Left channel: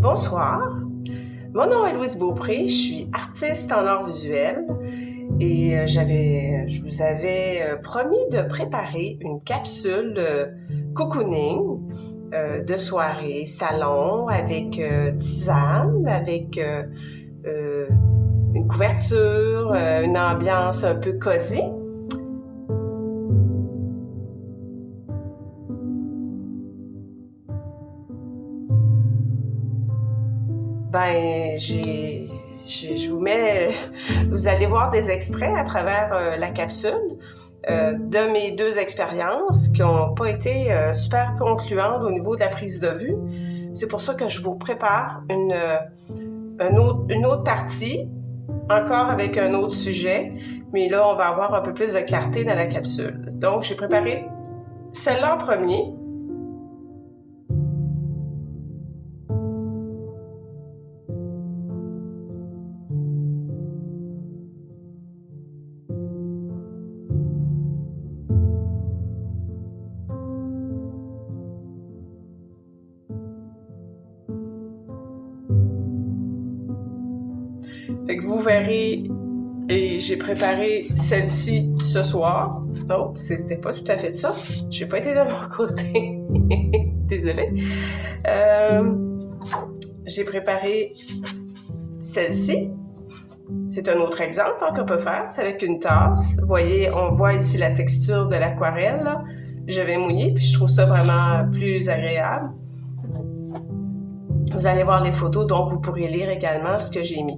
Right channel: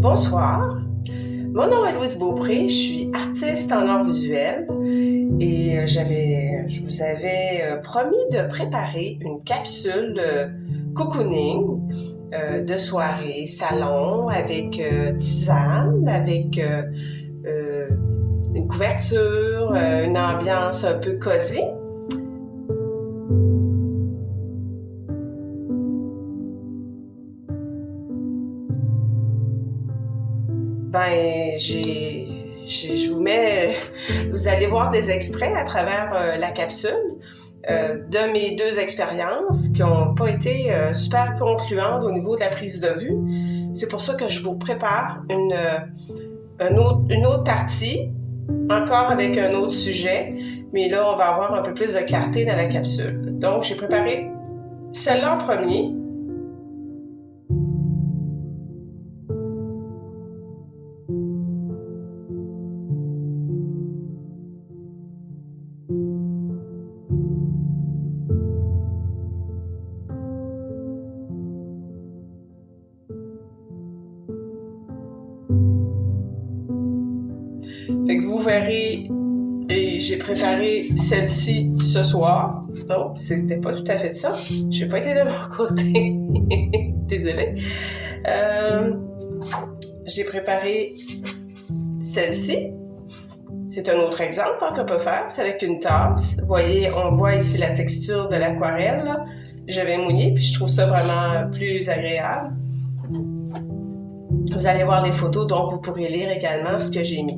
Bonsoir, mon nom est Louise Beaupré, je suis artiste en art visuel et je vous avais promis de préparer une capsule cocooning de soirée salon avec tisane, avec une couverture, une ambiance un peu cosy. Vous allez voir des extraits à travers la capsule de mes deux expériences qui n'ont pas été super concluantes au niveau de la prise de vue. C'est pour ça que je vous prépare une autre partie, encore avec un autre sujet, mais là, on va avoir un peu plus de clarté dans la capsule. Donc, j'ai préparé celle-là en premier. Fait que vous verrez, et j'ai préparé celle-ci ce soir. Non, c'était pas tout à fait ça. J'ai pas été de mon côté. Désolée. J'ai préparé celle-ci. C'est un autre exemple qu'on peut faire. C'est avec une tasse. Vous voyez, on voit ici la texture de l'aquarelle. Je vais mouiller, puis je trouve ça vraiment plus agréable. Vous allez voir les photos, donc vous pourrez lire également ce que j'ai mis.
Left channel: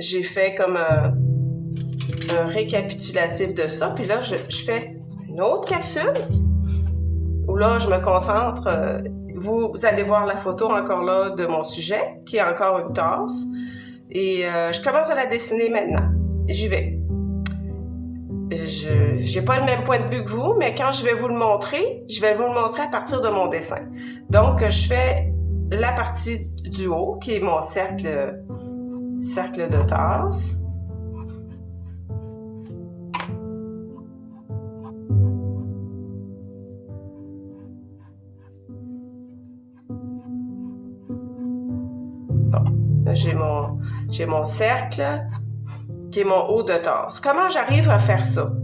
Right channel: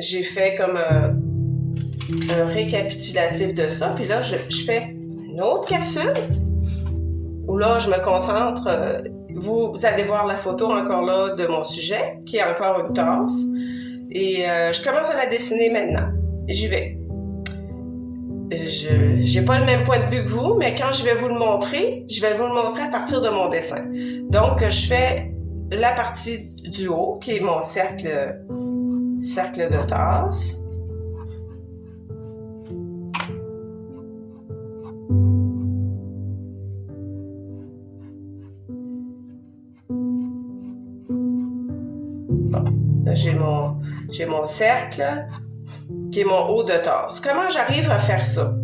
J'ai fait comme un récapitulatif de ça, puis là, je fais une autre capsule où là, je me concentre. Vous allez voir la photo encore là de mon sujet, qui est encore une tasse. Et je commence à la dessiner maintenant. J'y vais. Je n'ai pas le même point de vue que vous, mais quand je vais vous le montrer, je vais vous le montrer à partir de mon dessin. Donc, je fais la partie du haut, qui est mon cercle de tasse. Bon, là, j'ai mon cercle qui est mon haut de tasse. Comment j'arrive à faire ça?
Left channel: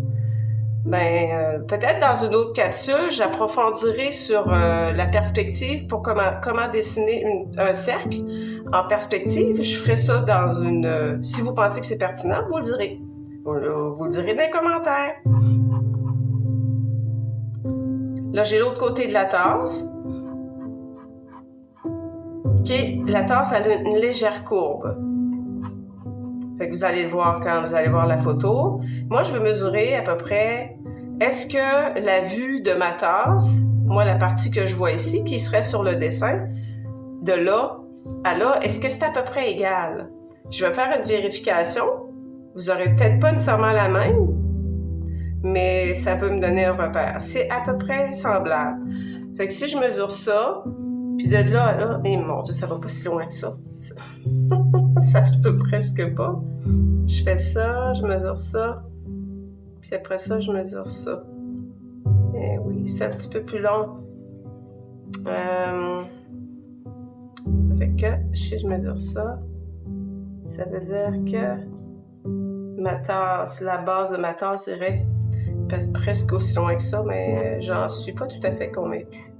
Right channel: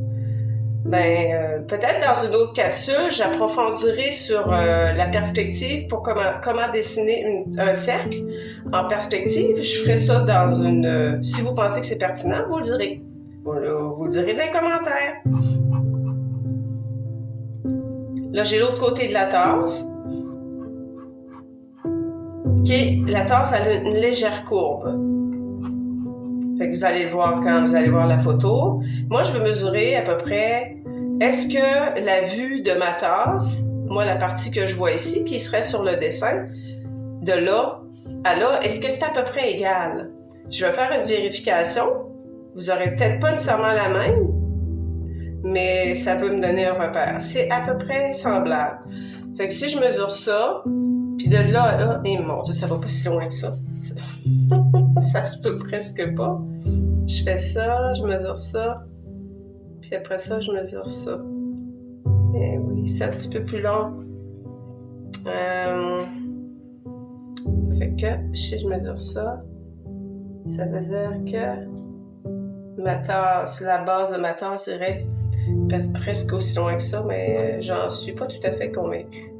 Peut-être dans une autre capsule, j'approfondirai sur la perspective pour comment dessiner un cercle en perspective. Je ferai ça dans une... si vous pensez que c'est pertinent, vous le direz. Vous le direz dans les commentaires. Là, j'ai l'autre côté de la tasse. OK, la tasse a une légère courbe. Fait que vous allez le voir quand vous allez voir la photo. Moi, je veux mesurer à peu près, est-ce que la vue de ma tasse, moi, la partie que je vois ici, qui serait sur le dessin, de là à là, est-ce que c'est à peu près égal? Je vais faire une vérification. Vous n'aurez peut-être pas nécessairement la même, mais ça peut me donner un repère. C'est à peu près semblable. Fait que si je mesure ça, puis de là à là, et mon Dieu, ça va pas si loin que ça. Ça se peut presque pas. Je fais ça, je mesure ça, puis après ça, je mesure ça. Et oui, c'est un petit peu plus long. Ça fait que si je mesure ça, ça veut dire que ma tasse, la base de ma tasse irait presque aussi loin que ça, mais j'en suis pas tout à fait convaincue.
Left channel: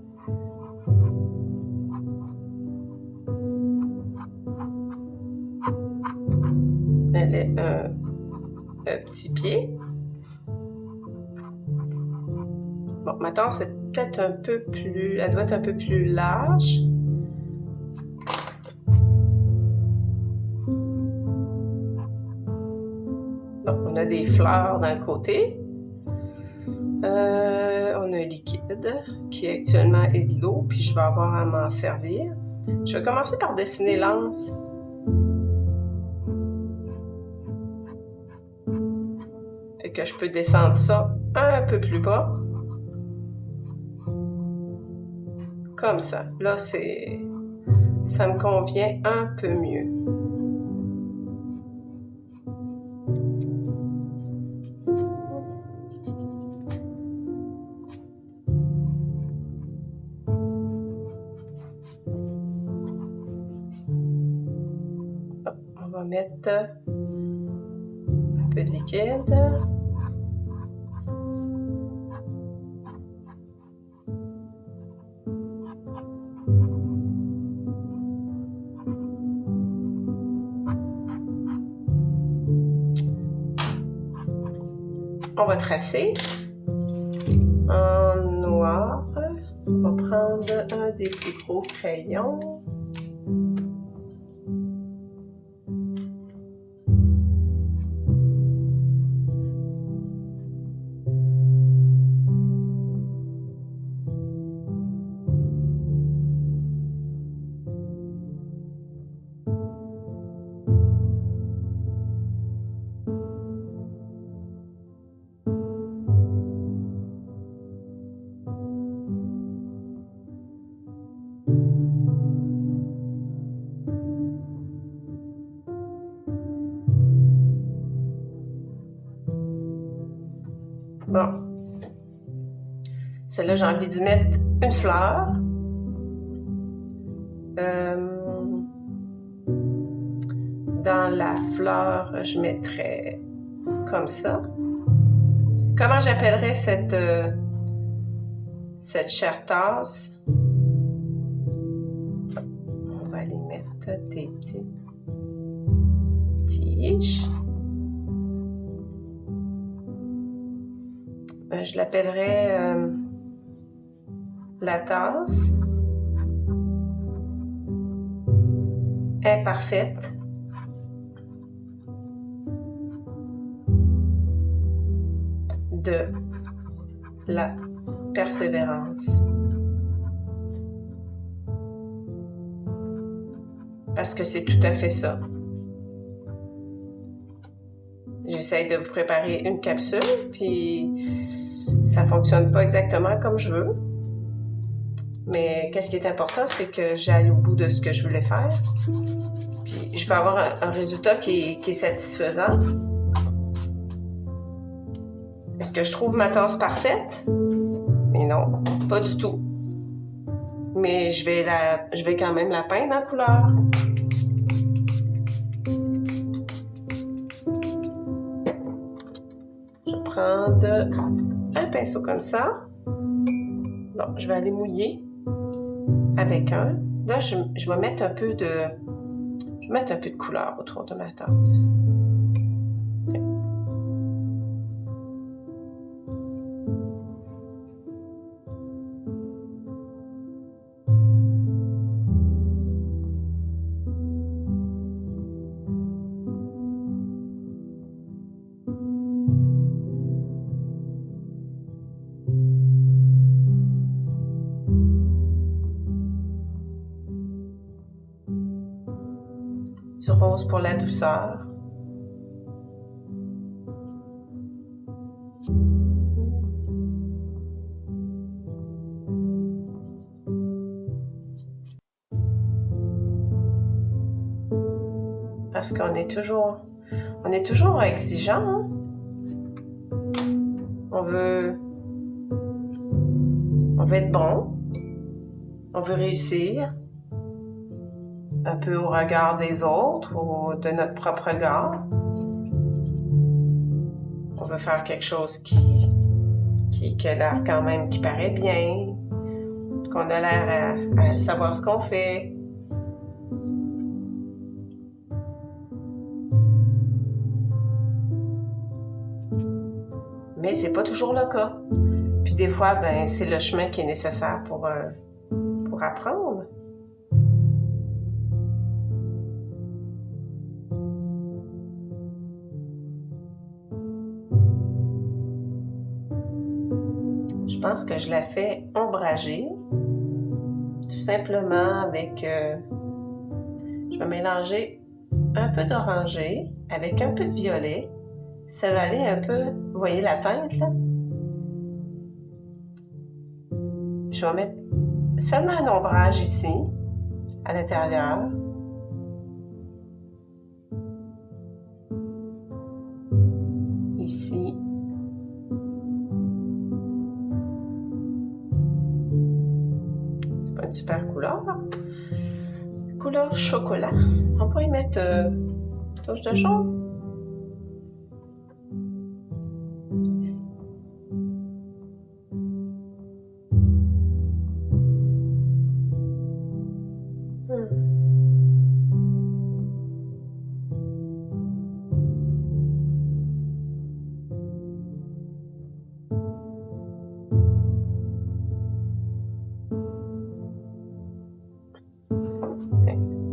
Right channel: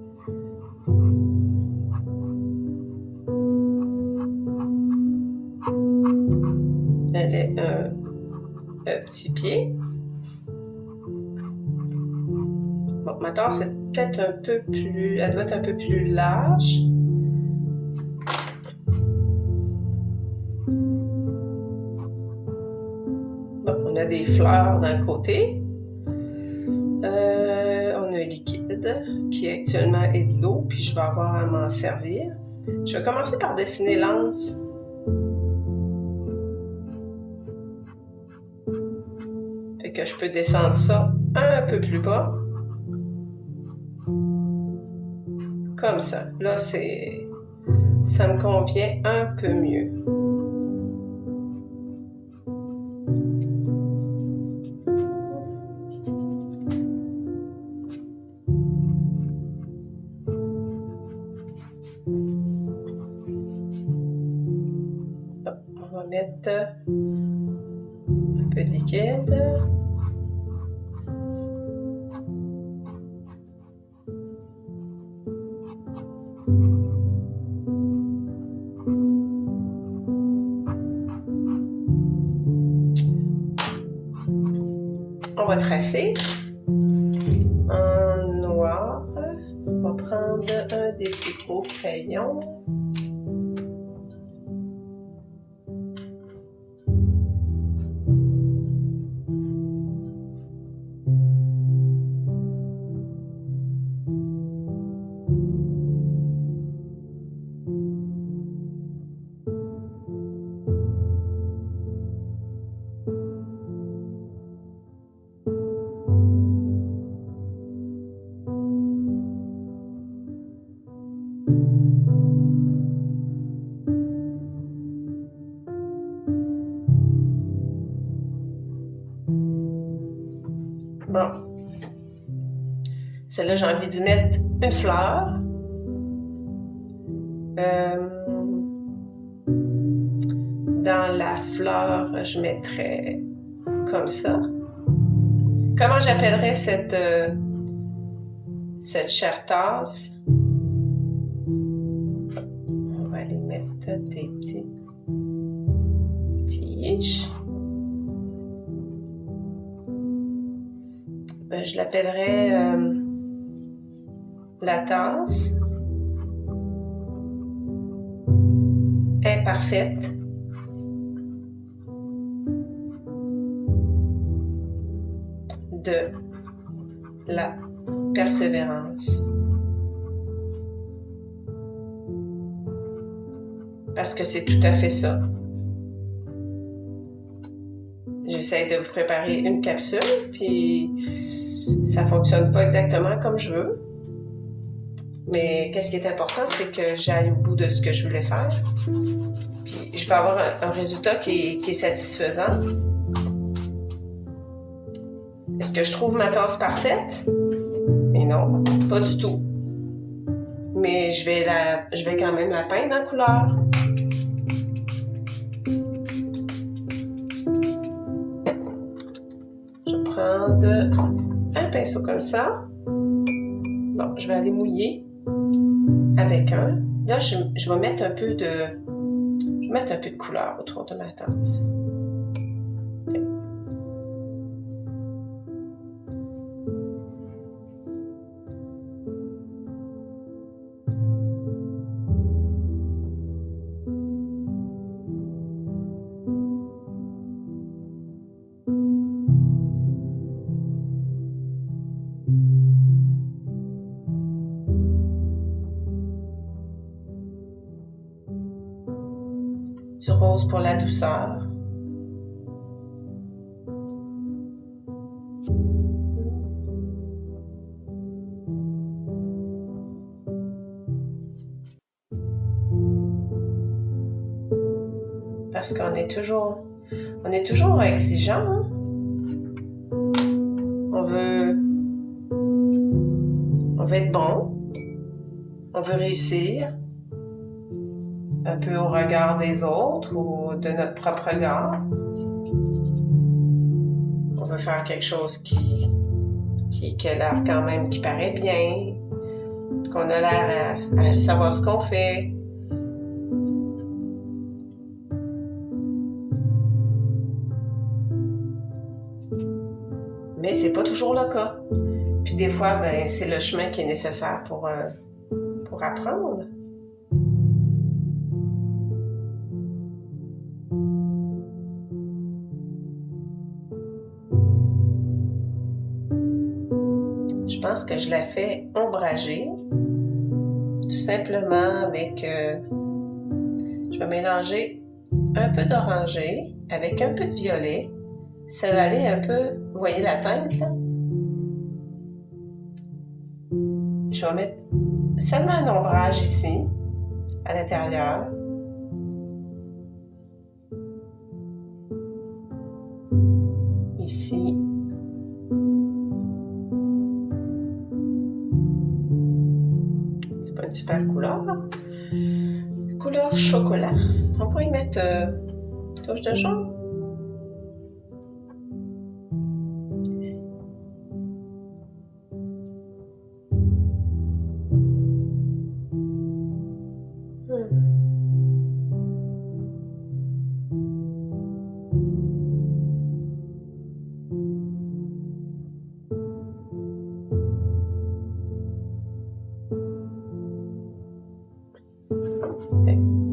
Elle est un petit pied. Bon, ma tasse est peut-être un peu plus... Elle doit être un peu plus large. On a des fleurs dans le côté. On a un liquide qui actuellement est de l'eau, puis je vais avoir à m'en servir. Je vais commencer par dessiner l'anse. Fait que je peux descendre ça un peu plus bas. Comme ça. Là, ça me convient un peu mieux. On va mettre un peu de liquide. On va tracer en noir. On va prendre un des plus gros crayons. Bon. Celle-là, j'ai envie d'y mettre une fleur. Dans la fleur, je mettrais comme ça. Comment j'appellerais cette chère tasse? On va aller mettre des petites tiges. Je l'appellerais la tasse imparfaite de la persévérance. Parce que c'est tout à fait ça. J'essaie de vous préparer une capsule, puis ça fonctionne pas exactement comme je veux. Mais qu'est-ce qui est important, c'est que j'aille au bout de ce que je voulais faire. Puis je vais avoir un résultat qui est satisfaisant. Est-ce que je trouve ma tasse parfaite? Mais non, pas du tout. Mais je vais quand même la peindre en couleur. Je vais prendre un pinceau comme ça. Bon, je vais aller mouiller avec un. Là, je vais mettre un peu de couleur autour de ma tasse. Du rose pour la douceur. Parce qu'on est toujours exigeant. Hein? On veut être bon. On veut réussir. Un peu au regard des autres ou de notre propre regard. On veut faire quelque chose qui a l'air quand même, qui paraît bien, qu'on a l'air à savoir ce qu'on fait. Mais c'est pas toujours le cas. Puis des fois, c'est le chemin qui est nécessaire pour apprendre. pense que je la fais ombrager, tout simplement avec... je vais mélanger un peu d'orangé avec un peu de violet. Ça va aller un peu... Vous voyez la teinte, là? Je vais mettre seulement un ombrage ici, à l'intérieur. Ici. C'est pas une super couleur. Couleur chocolat. On peut y mettre une touche de jaune.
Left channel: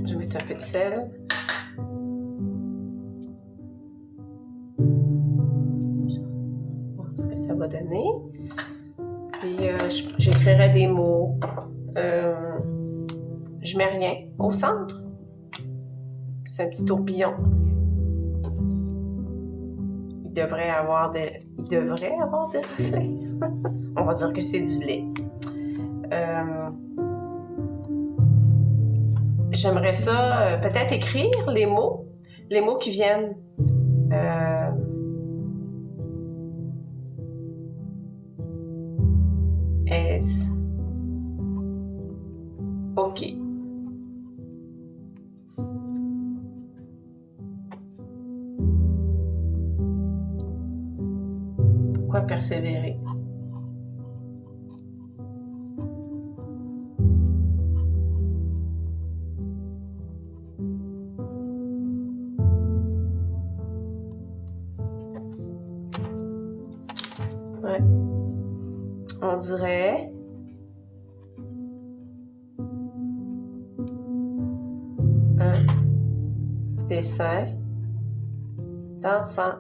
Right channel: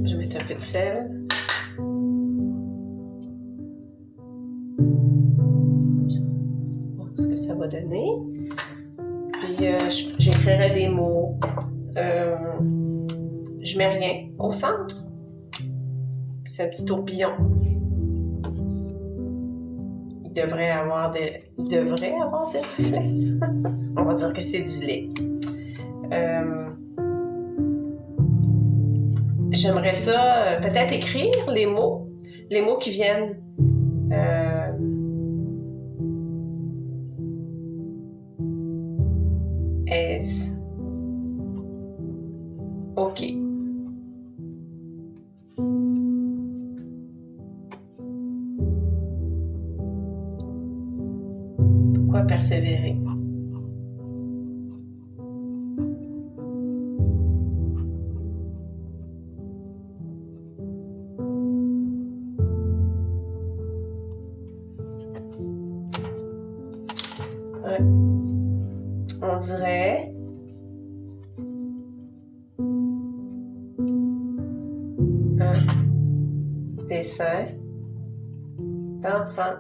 Je vais mettre un peu de sel. Voir ce que ça va donner. Puis j'écrirai des mots. Je mets rien au centre. C'est un petit tourbillon. Il devrait avoir des reflets. On va dire que c'est du lait. J'aimerais ça peut-être écrire les mots qui viennent. Est-ce OK. Pourquoi persévérer? Ouais. On dirait un dessin d'enfant.